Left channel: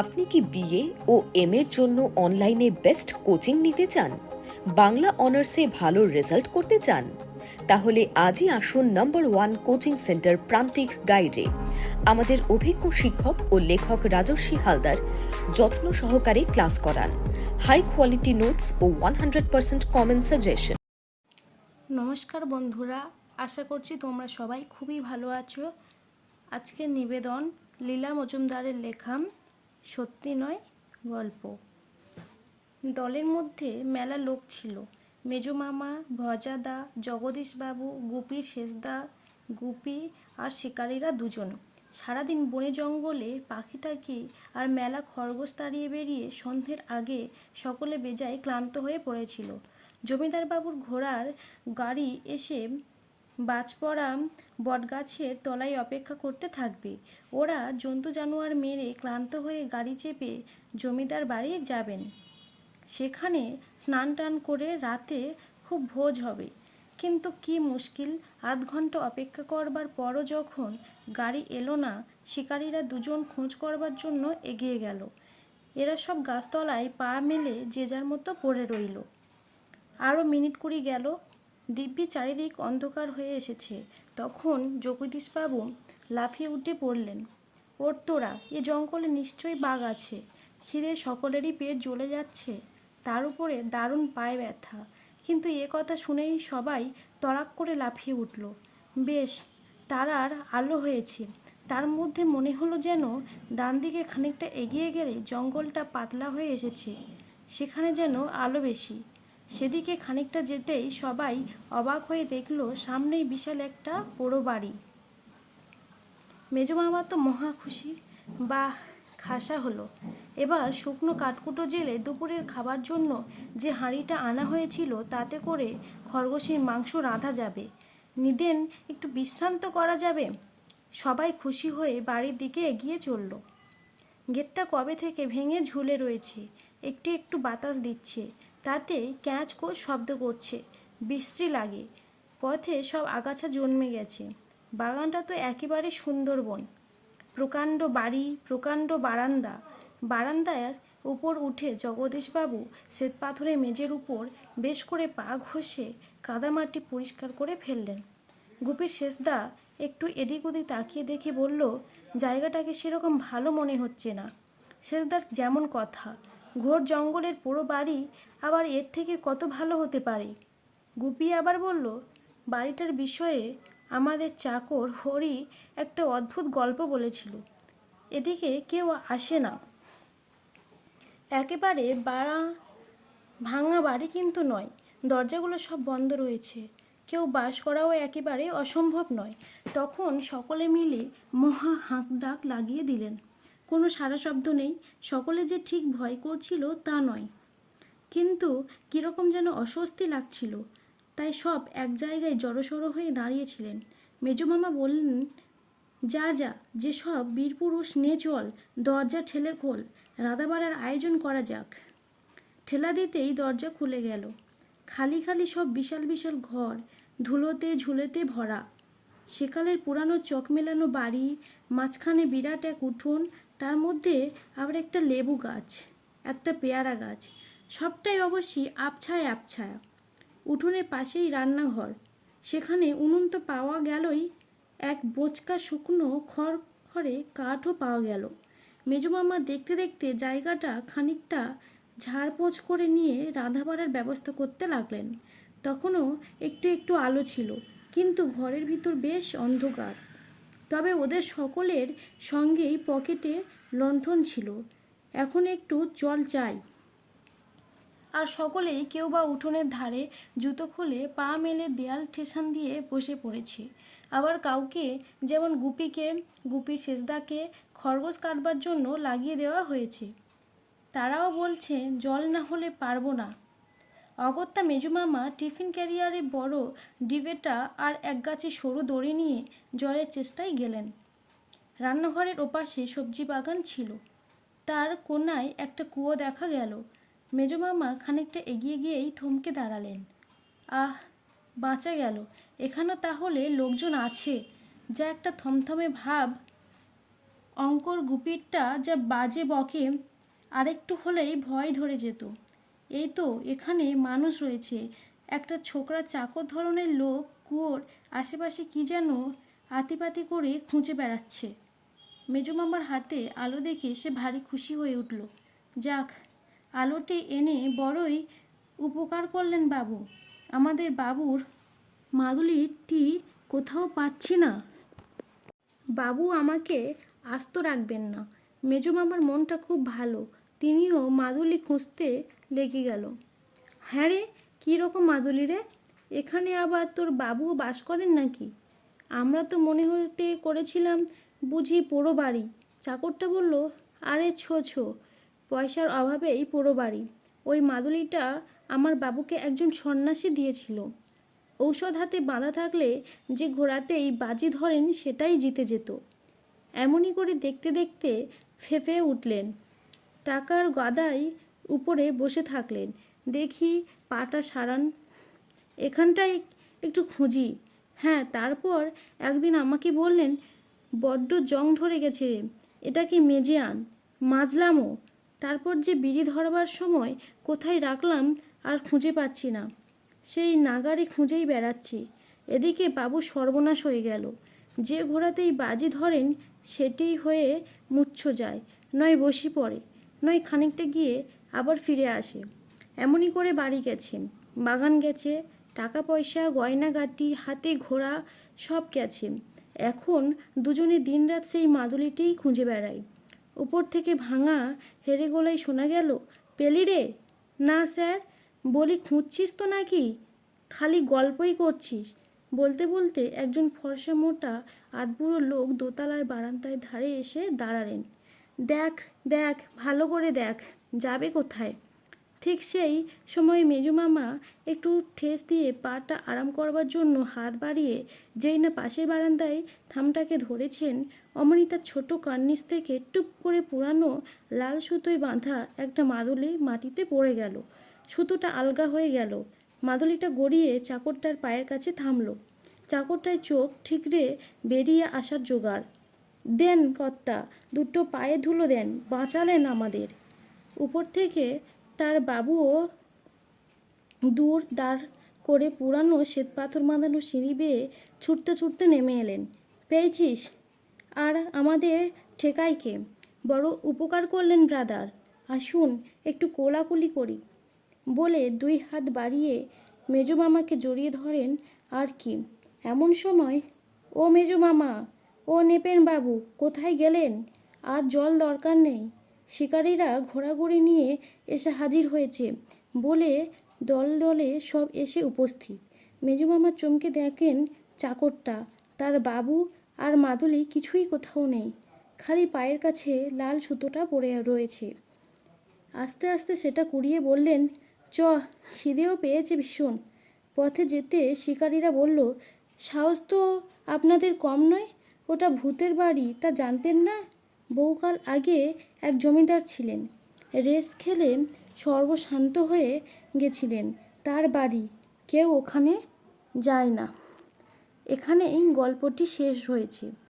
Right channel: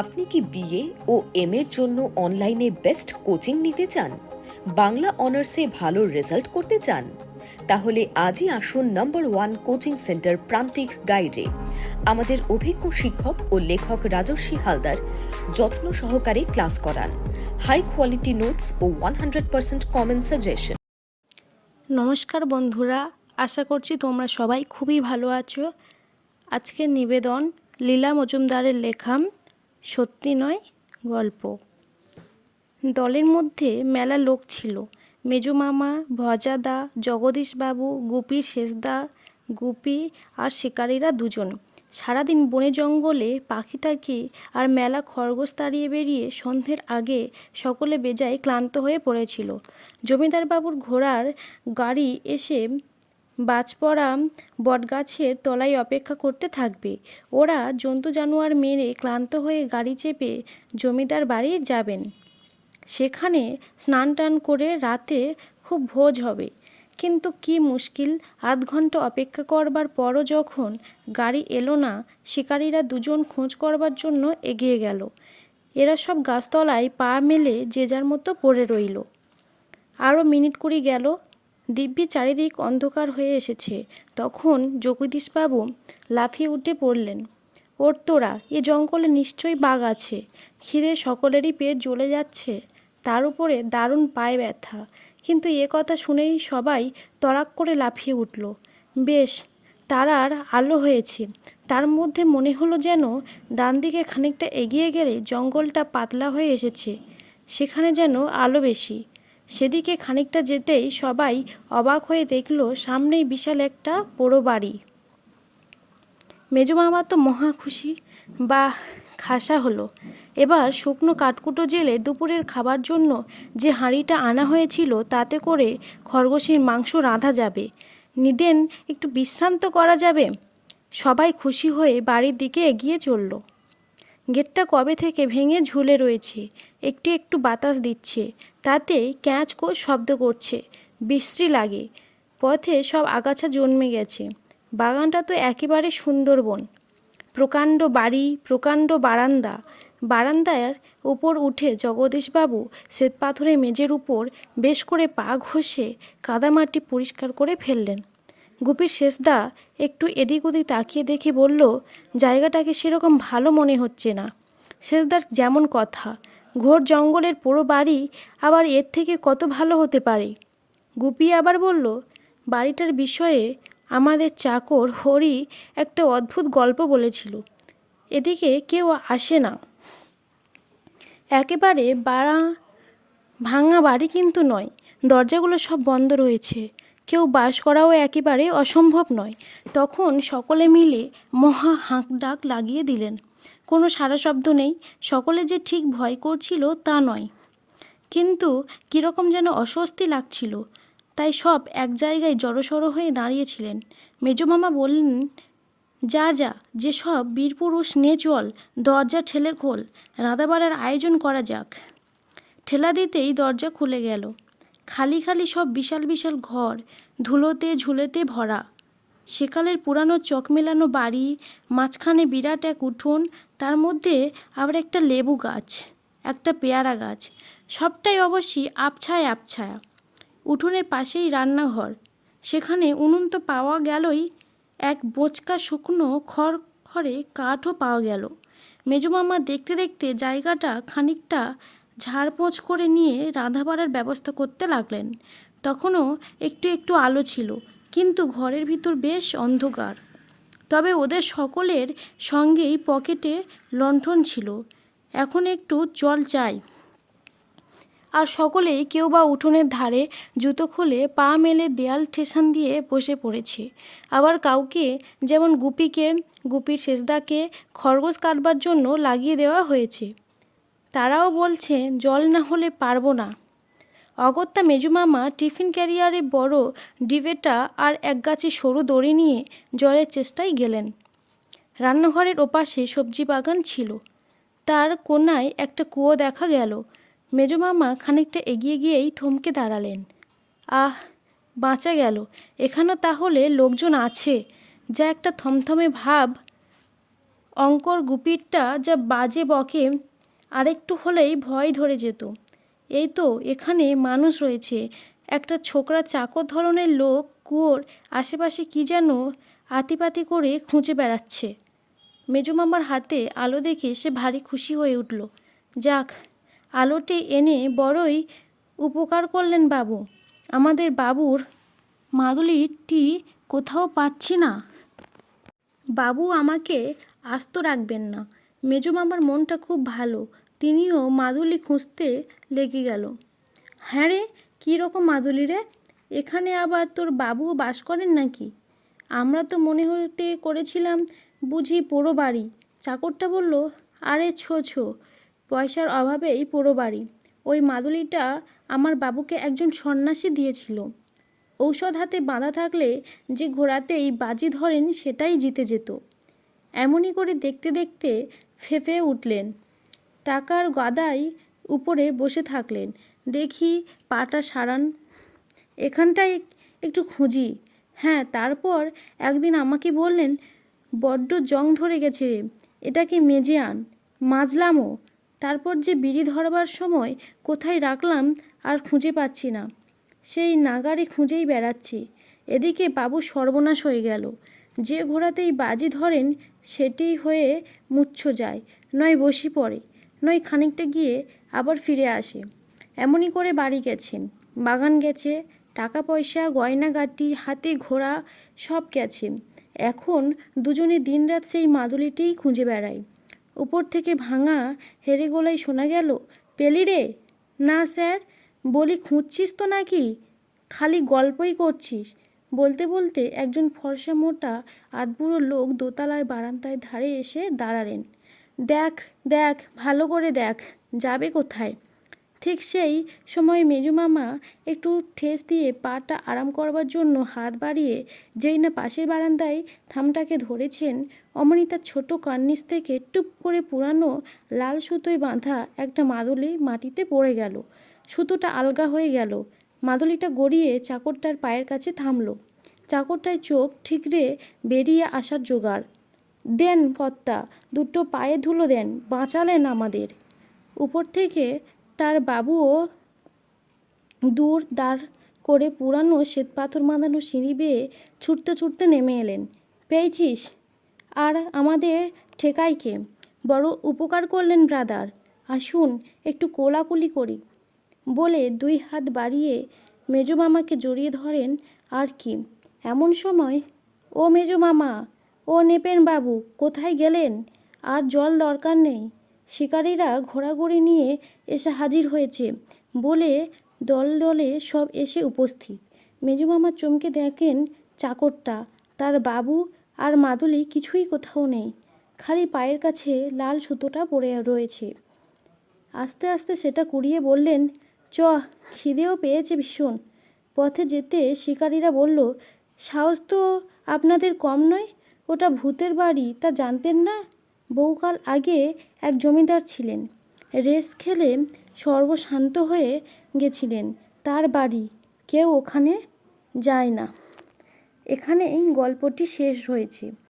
আপনি কি বিএ ও এম এর জন্য অনলাইনে বেস্ট কোচিং নিতে চান? বাংলা অনার্সে ভালো রেজাল্ট করতে চান? তাহলে আজই আসুন নম্বর ওয়ান কোচিং সেন্টার প্রান্তিক গাইডে। আমাদের অভিজ্ঞ শিক্ষক ও লেখক রাজস্বী হালদার যত্ন সহকারে ক্লাস করান। হাই কোয়ালিটি নোটস ও one hundred percent common suggestion. নমস্কার বন্ধুরা, আশা করছি তোমরা সবাই খুবই ভালো আছো। আজকের নিবেদন লীলা মজুমদারের লেখা সত্যি নয়, গল্প। দলের মধ্যে মেলা লোক ছিল। মেজো মামা, ভজাদা, জগদীশবাবু গুপির শেষদা গুপি আর শিকারীরা দুজন। সারাদিন বনে জঙ্গলে পাখিটাকি আর মেলা খরগোশ তাড়িয়ে বেরিয়ে সন্ধ্যের আগে সকলে বেজায় ক্লান্ত হয়ে পড়েছিল। জমিদার বাবুর ঘোড়ার গাড়ি এসে বাজপড়া বটগাছের তলায় অপেক্ষা করতে থাকবে। ওরা জন্তু জানোয়ার মেরে ক্লান্ত হয়ে গাড়ি চেপে জমিদার বাড়ি যাবেন। সেখানে স্নান টান করে রাতে খুব ভোজ হবে। কিন্তু কি মুশকিল, আধ ঘণ্টা অপেক্ষা করবার পরও যখন গাড়ি এলো না, শিকারীরা দুজন খোঁজ করবার জন্য এগিয়ে গেল। এরা সব গাছতলায় পা মেলে যে যার মতো পড়ে রইল। আরও মিনিট কুড়ি গেল দিব্যি চারিদিক অন্ধকার হয়ে এসেছে। তখন জগদীশবাবু লাফিয়ে উঠে পড়লেন, ওর তোরা, এ জঙ্গলে নিশ্চয়ই বাঘ আছে। খিদে সকলেরই পেট জ্বলে যাচ্ছে। তার উপরে দারুণ পায়ে ব্যথা। কিন্তু এ কথা শুনেই সবাই তড়াক করে লাফিয়ে উঠল। বেশ তারার আলো হয়েছে। তার মধ্যে মনে হলো যেন ডান দিকে খানিকটা এগিয়ে গেলে জঙ্গলটা পাতলা হয়ে এসেছে। সেখানে যেন আলো বেশি। সেদিকে খানিকটা যেতেই সবাই অবাক হয়ে দেখল সামনেই বিশাল একটা পোড়ো বাড়ি। মেজো মামা তো মহা খুশি। বা খাসা হলো। এবার শুকনো কাঠকুটো জেলে দুপুরের খাবার জন্য যে হাঁড়িটা আনা হয়েছিল তাতে করে খরগোশের মাংস রাঁধা যাবে। নিদেন, একটু বিশ্রান্ত করা যাবে? সবাই খুশি হয়ে বাড়ির দিকে এগিয়ে চলল। গেটটা কবে থেকে ভেঙে ঝুলে রয়েছে? একটু একটু বাতাস দিচ্ছে। তাতে ক্যাঁচ কোচ শব্দ করছে, বিশ্রী লাগে। পথে সব আগাছা জন্মে গেছে। বাগানটা তো একেবারে সুন্দরবন। প্রকাণ্ড বাড়ি, প্রকাণ্ড বারান্দা। বারান্দার উপর উঠে জগদীশবাবু শ্বেতপাথরের মেজের উপর বেশ করে পা ঘষে কাদামাটি পরিষ্কার করে ফেললেন। গুপির শেষদা একটু এদিক ওদিক তাকিয়ে দেখে বলল, জায়গাটাকে সেরকম ভালো মনে হচ্ছে না। শেষদার যেমন কথা ঘোর জঙ্গলের পুরো বাড়ি আবার এর থেকে কত ভালো হতে পারে? গুপি আবার বলল, বাড়িটার বিষয়ে আমাদের চাকর হরি একটা অদ্ভুত গল্প বলেছিল। এদিকে কেউ আসে না। একেবারে বাড়া, ভাঙা বাড়ি কিন্তু নয়, দরজাগুলো সব বন্ধ রয়েছে। কেউ বাস করাও একেবারে অসম্ভব নয়। তখন সকলে মিলে মহা হাঁক ডাক লাগিয়ে দিলেন। কোনো সারা শব্দ নেই, সকলে যে ঠিক ভয় করছিল তা নয়। কিন্তু কীরকম যেন অস্বস্তি লাগছিল। তাই সব এক জায়গায় জড়সড়ো হয়ে দাঁড়িয়েছিলেন। মেজমামা বললেন, যা যা যেসব বীরপুরুষ নে চল, দরজা ঠেলে খোল, রাঁধাবাড়ার আয়োজন করা যাক। ঠেলা দিতেই দরজা খুলে গেল। খালি খালি সব বিশাল বিশাল ঘর, ধুলোতে ঝুলেতে ভরা। সেকালের পুরানো চক মেলানো বাড়ি, মাঝখানে বিরাট এক উঠোন, তার মধ্যে আবার একটা লেবু গাছ, একটা পেয়ারা গাছ, সবটাই অবশ্যই আবছায় আবছায়া। উঠোনের পাশেই রান্নাঘর, সেখানে উনুন তো পাওয়া গেলই, এক বোচকা শুকনো খড় খড়ে কাঠও পাওয়া গেল। মেজমামা দেখতে দেখতে জায়গাটা খানিকটা ঝাড়পোঁছ করে নিয়ে রাধা বাড়ার ব্যবস্থা করতে লাগলেন। তখনও একটু একটু আলো ছিল কিন্তু ঘরের ভিতর বেশ অন্ধকার। তবে ওদের সকলের সঙ্গেই পকেটে লণ্ঠন ছিল। এখন একটু জল চাই। আর সকলে কেউ বা উঠোনের ধারে জুতো খুলে পা মেলে দেয়াল ঠেসান দিয়ে বসে পড়েছে। আবার কাউকে, যেমন গুপিকে, গুপির শেষদাকে খরগোশ কাটবার জন্য লাগিয়ে দেওয়া হয়েছে। তারাও বলছে, জল না হলে পারব না। অগত্যা মেজুমামা টিফিন ক্যারিয়ারে বড় ডিবেটা আর এক গাছে সরু দড়ি নিয়ে জলের চেষ্টায় গেলেন। রান্নাঘরের ওপাশে সবজি বাগান ছিল। তার কোনায় একটা কুয়ো দেখা গেল। মেজমামা খানিকটা এগিয়ে গিয়েই থমকে দাঁড়ালেন। আহ, বাঁচা গেল। এখানেও তাহলে লোকজন আছে। যা একটা থমথমে ভাব। অঙ্কর গুপিরটা যা বাজে বকে, আরেকটু হলেই ভয় ধরে যেত। এই তো এখানে মানুষ রয়েছে। একটা ছোকরা চাকর ধরনের লোক কুয়োর আশেপাশে কি যেন আতিপাতি করে খুঁজে বেড়াচ্ছে। মেজো মামার হাতে আলো দেখে সে ভারী খুশি হয়ে উঠল। যাক, আলোটি এনে বড়ই উপকার করলেন বাবু। আমাদের বাবুর মাদুলিটি কোথাও পাচ্ছি না। বাবু আমাকে আস্ত রাখবেন না। মেজো মামার মনটা খুব ভালো। তিনিও মাদুলি খুঁজতে লেগে গেল। হ্যাঁ রে, কী রকম মাদুলি রে? এখানে আবার তোর বাবুও বাস করেন নাকি? আমরা তো মনে হতে করেছিলাম বুঝি পোড়ো বাড়ি। চাকরটা বলল, আরে ছো ছো, পয়সার অভাবেই পোড়ো বাড়ি। ওই মাদুলিটা আমার বাবুকে একজন সন্ন্যাসী দিয়েছিল। ঔষধ হাতে বাঁধা থাকলে যে ঘোড়াতেই বাজি ধরেন সেটাই জিতে যেত। এমনই করে দেখতে দেখতে ফেঁপে উঠলেন। টাকার গাদায় উপরে বসে থাকলেন। দেখি পাটা সারান, এখানটায় একটু খুঁজি। হ্যাঁ তারপর একদিন আমাকে বললেন, বড্ড জং ধরে গেছে রে, এটাকে মেজে আন। মাজলামও। তারপর যে বিড়ি ধরবার সময় কোথায় রাখলাম আর খুঁজে পাচ্ছি না। সেই নাগারে খুঁজেই বেড়াচ্ছি। এদিকে বাবু সর্বনাশ হয়ে গেল। যে ঘোড়াতেই বাজি ধরেন, সেটি হয়ে মুচ্ছ যায়, নয় বসি পড়ে। নয়, খানিকটা গিয়ে আবার ফিরে আসে। এমনই করে বাড়ি গেছে। বাগান গেছে টাকা পয়সা গয়নাগাটি, হাতে ঘোড়া, সব গেছে। এখন দুজনে দিনরাত সেই মাদুলিটিই খুঁজে বেড়ায়। উপর থেকে ভাঙা হেরে গোলাই শোনা গেল, পেলি রে? না, স্যার। বলি, খুঁজছিস তো নাকি? খালি গল্পই করছিস। বলতে বলতে একজন ফর্সা মোটা, আধবুড়ো লোক দোতলার বারান্দায় ধারে এসে দাঁড়ালেন। দেখ দেখ, ভালো করে দেখ, যাবে কোথায়? ঠিক সেই সময় মেজু মামা একটু ঠেস দিয়ে পাটা আরাম করবার জন্য হাত বাড়িয়ে যেই না পাশের বারান্দায় থামটাকে ধরেছেন, অমনি তার ছোট কার্নিস থেকে টুপ করে পুরানো লাল সুতোয় বাঁধা একটা মাদুলি মাটিতে পড়ে গেল। সুতোটা আলগা হয়ে গেল। মাদুলিটা গড়িয়ে চাকরটার পায়ের কাছে থামলো। চাকরটায় চোখ ঠিকরে বেরিয়ে আসার জোগাড়। দেন কর্তা, দুটো পায়ে ধুলো দেন, বাঁচালেন আমাদের। উপর থেকে তার বাবুও দূর দাঁড় করে পুরানো শ্বেতপাথর বাঁধানো সিঁড়ি বেয়ে ছুটতে ছুটতে নেমে এলেন। পেয়েছিস? আর আমাদের ঠেকাইকে বড় উপকার করলেন ব্রাদার। আসুন, একটু কোলাকুলি করি। বলে দুই হাত বাড়িয়ে মেজো মামাকে জড়িয়ে ধরেন আর কি। এমন সময়, ও মেজো মামা ও নেপেন বাবু, কোথায় গেলেন? আর জল দরকার নেই। শিকারীরা ঘোরাঘুরি নিয়ে এসে হাজির হয়েছে বলে দল দলে সব এসে উপস্থিত। মেজো মামা চমকে দেখেন চাকরটা, তার বাবু আর মাদুলি কিছুই কোথাও নেই, খালি পায়ের কাছে লাল সুতোটা পড়ে রয়েছে। আস্তে আস্তে সেটা কুড়িয়ে বললেন চ খিদেও পেয়েছে ভীষণ। পথে যেতে শিকারীরা বলল, সাহস তো আপনাদের কম নয় ওটা ভূতের বাড়ি, তা জানতেন না? বহুকাল আগে এক জমিদার ছিলেন। রেস খেলে সর্বশান্ত হয়ে গেছিলেন। তার বাড়ি, কেউ ওখানে যায় না। এখানেই গল্পটি শেষ হয়েছে।